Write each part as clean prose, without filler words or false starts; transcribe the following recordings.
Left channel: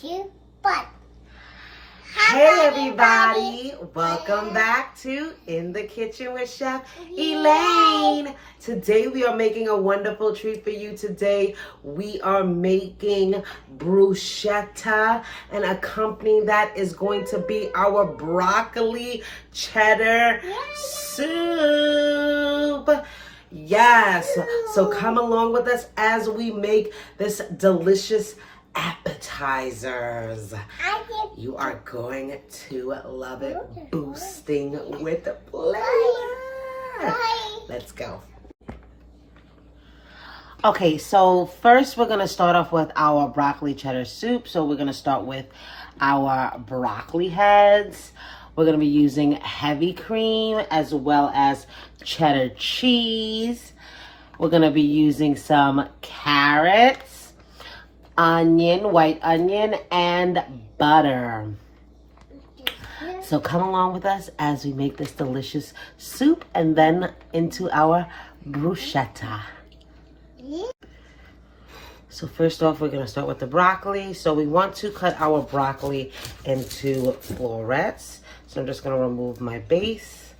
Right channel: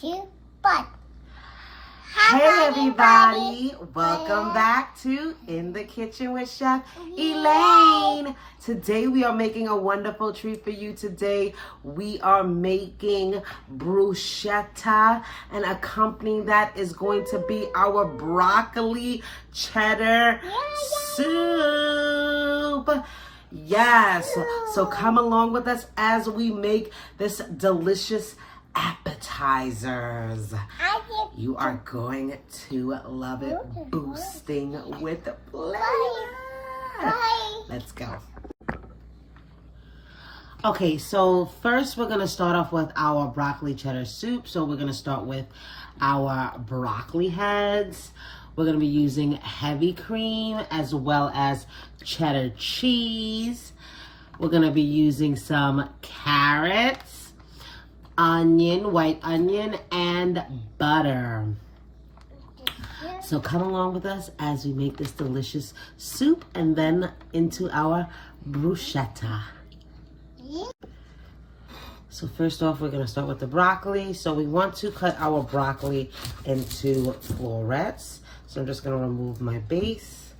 two, but. Hey everybody, welcome back to In the Kitchen with Chef Elaine. Today we are making a wonderful treat for you. Today we are making bruschetta, and accompanying that is going to be our broccoli cheddar soup. Yes, so come along with us as we make this delicious appetizers. You are going to love it, boosting with flavor. Let's go. Okay, so first we're gonna start off with our broccoli cheddar soup. So we're gonna start with our broccoli heads. We're gonna be using heavy cream as well as cheddar cheese. We're gonna be using some carrots, onion, white onion, and butter. So come along with us as we make this delicious soup and then into our bruschetta. So first off, we're gonna start with the broccoli. So we want to cut our broccoli into florets. So I'm just gonna remove my base,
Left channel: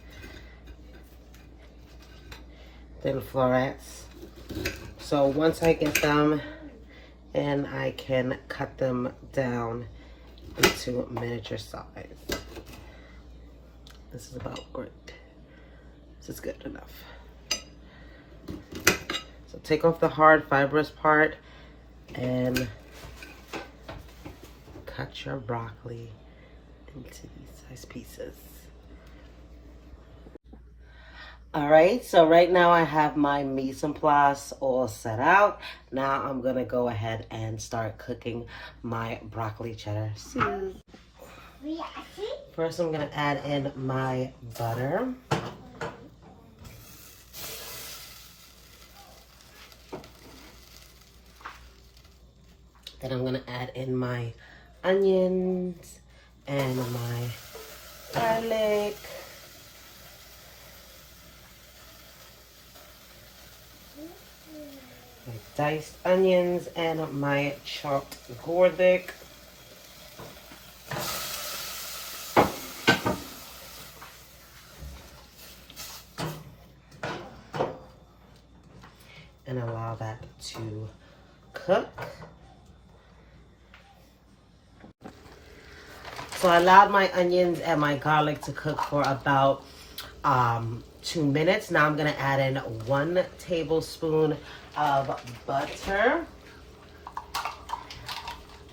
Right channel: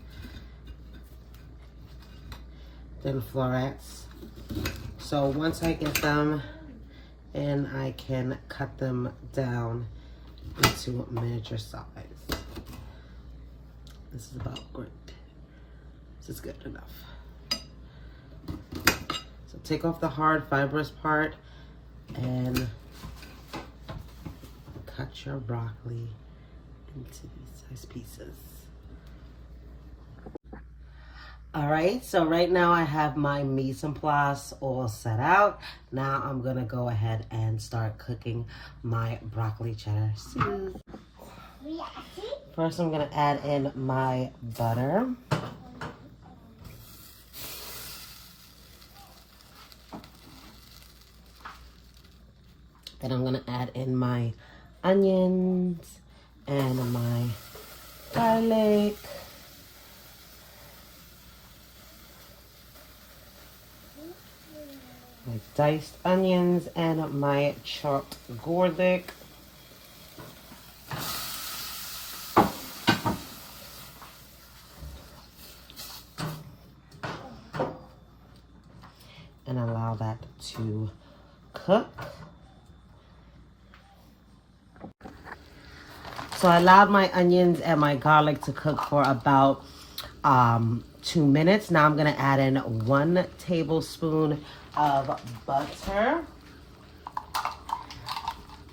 then florets. So once I get them, and I can cut them down into miniature size. This is about great. This is good enough. So take off the hard fibrous part and cut your broccoli into these size pieces. All right, so right now I have my mise en place all set out. Now I'm gonna go ahead and start cooking my broccoli cheddar soup. First I'm gonna add in my butter. Then I'm gonna add in my onions and my garlic. My diced onions and my chopped garlic. And allow that to cook. So I allowed my onions and my garlic to cook for about 2 minutes. Now I'm gonna add in 1 tablespoon of butter.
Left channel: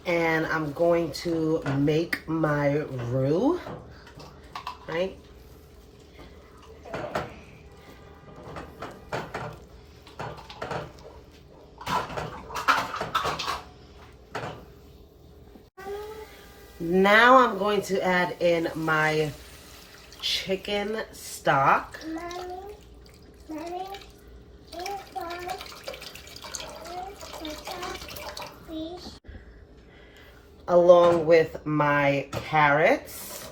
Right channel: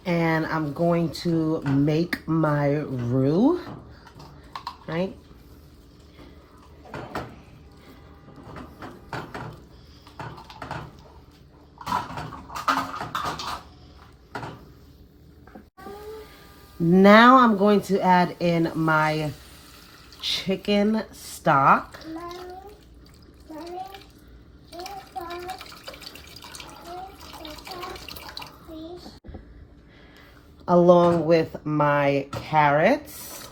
And I'm going to make my roux, right? Now I'm going to add in my chicken stock. Along with my carrots.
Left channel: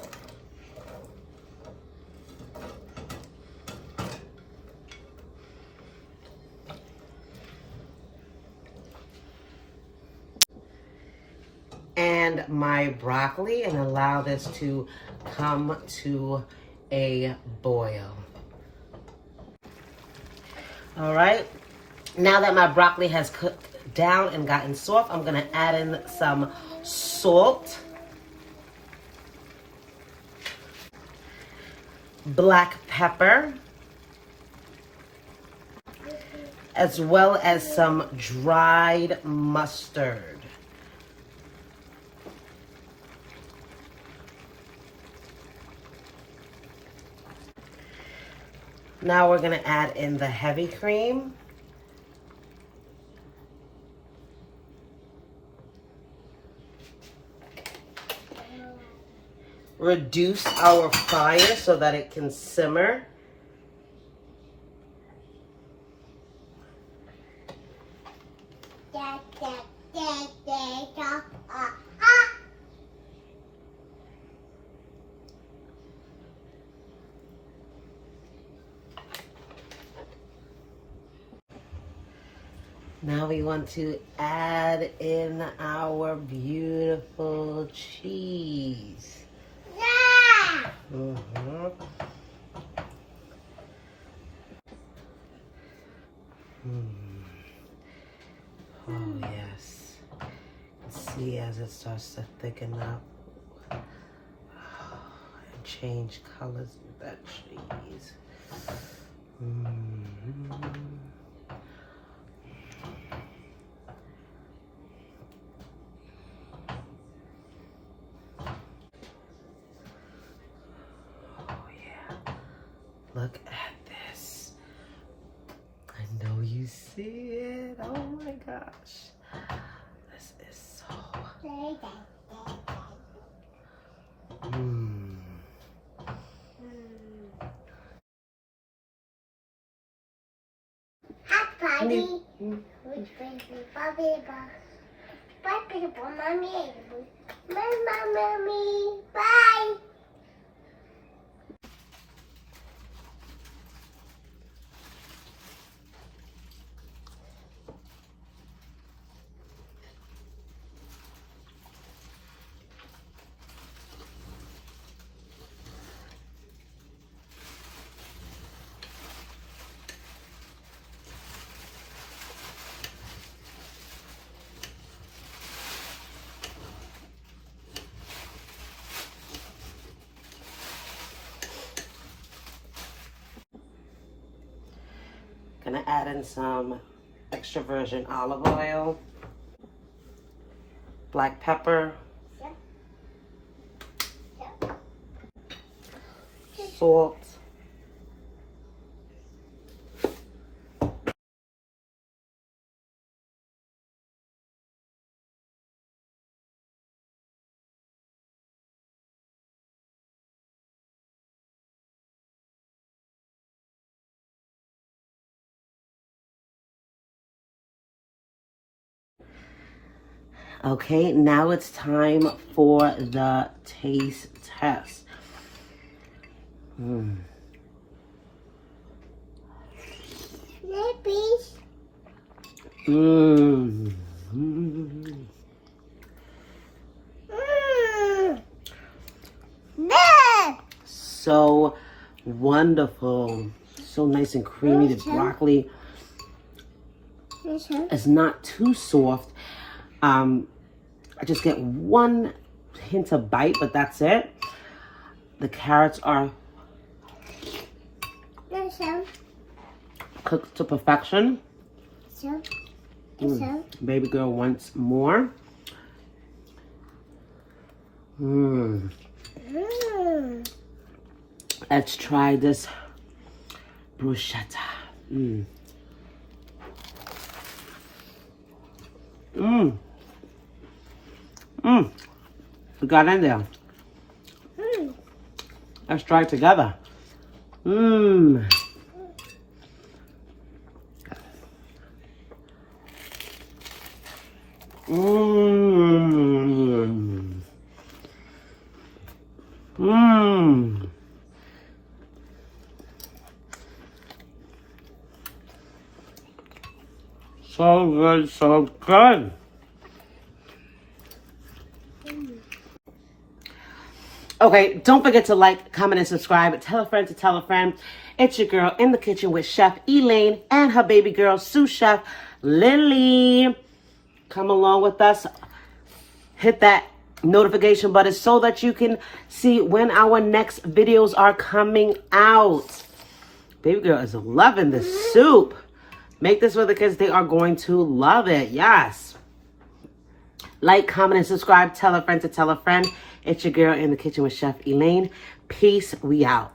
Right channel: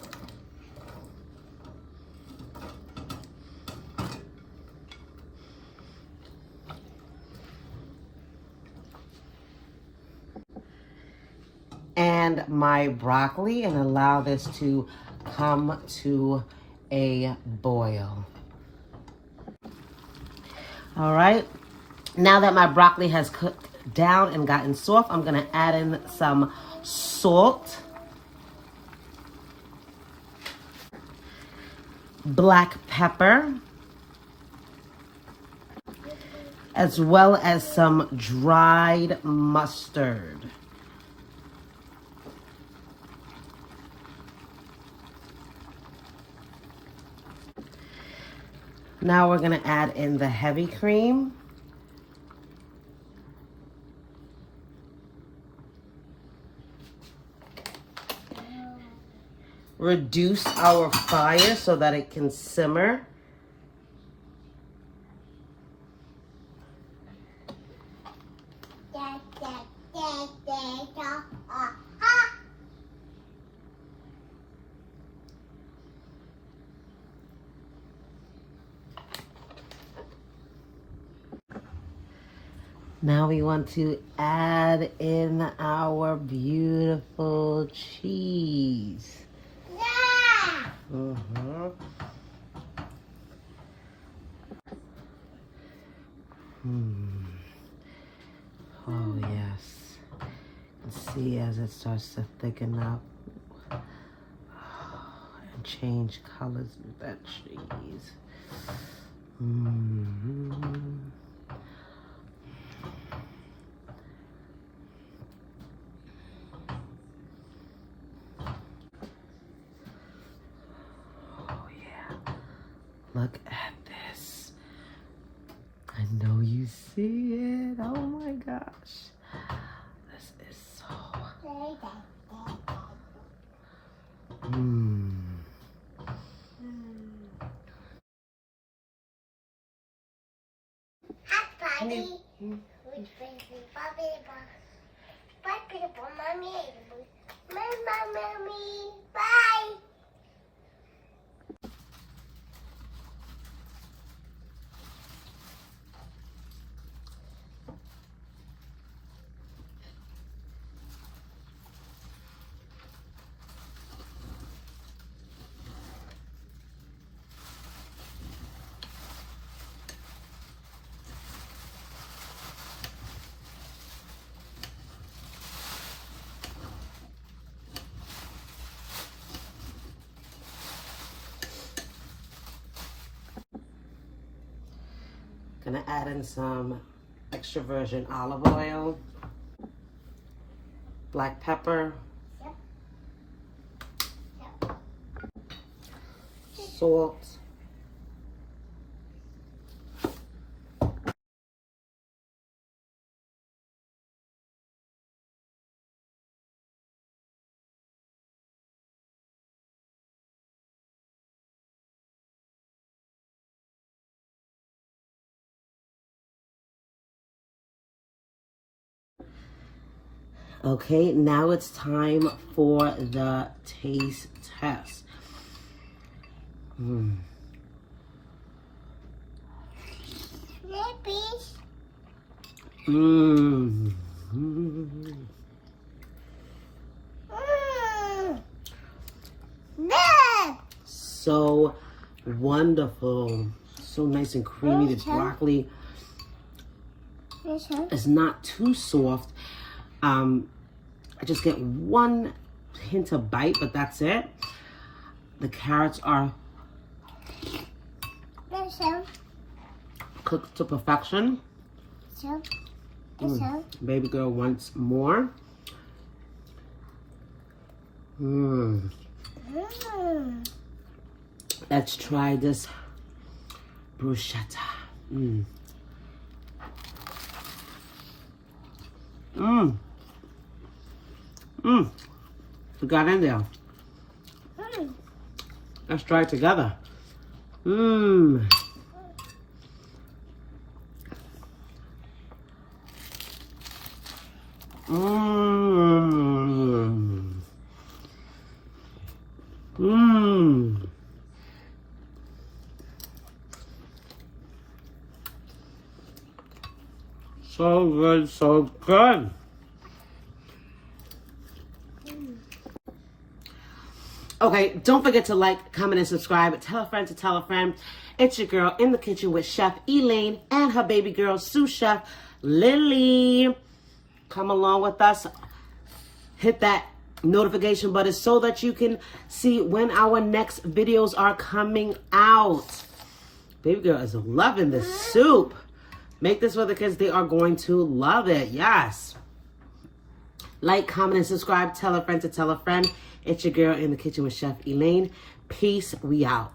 And my broccoli, and allow this to come to a boil. All right, now that my broccoli has cooked down and gotten soft, I'm gonna add in some salt, black pepper, as well as some dried mustard. Now we're gonna add in the heavy cream. Reduce our fire so that it can simmer. Now we want to add in our beautiful cheese. Yeah. Mm-hmm. Oh, yes. See as it starts to thicken up and change colors with that cheese. Oh, yeah. Look at this. I know you see it. Oh my gosh. This is so. Hi, Bobby. Which brings me Bobby, Bobby, Mommy, Mommy, bye. Gonna add in some extra virgin olive oil, black pepper, salt, okay, now it's time for the taste test. Maybe. So wonderful. So nice and creamy. The broccoli is not too soft. I just get one hint of bite, but that's it. The carrots are cooked to perfection. Baby girl wants more. Let's try this bruschetta. It got in there. Let's try it together. So good, so good. Okay, don't forget to like, comment, and subscribe. Tell a friend to tell a friend. It's your girl in the kitchen with Chef Elaine and her baby girl, sous chef Lily. Come along with us. Hit that notification button so that you can see when our next videos are coming out. Baby girl is loving the soup. Make this for the kids. They are going to love it. Yes. Like, comment, and subscribe. Tell a friend to tell a friend. It's your girl in the kitchen with Chef Elaine. Peace. We out.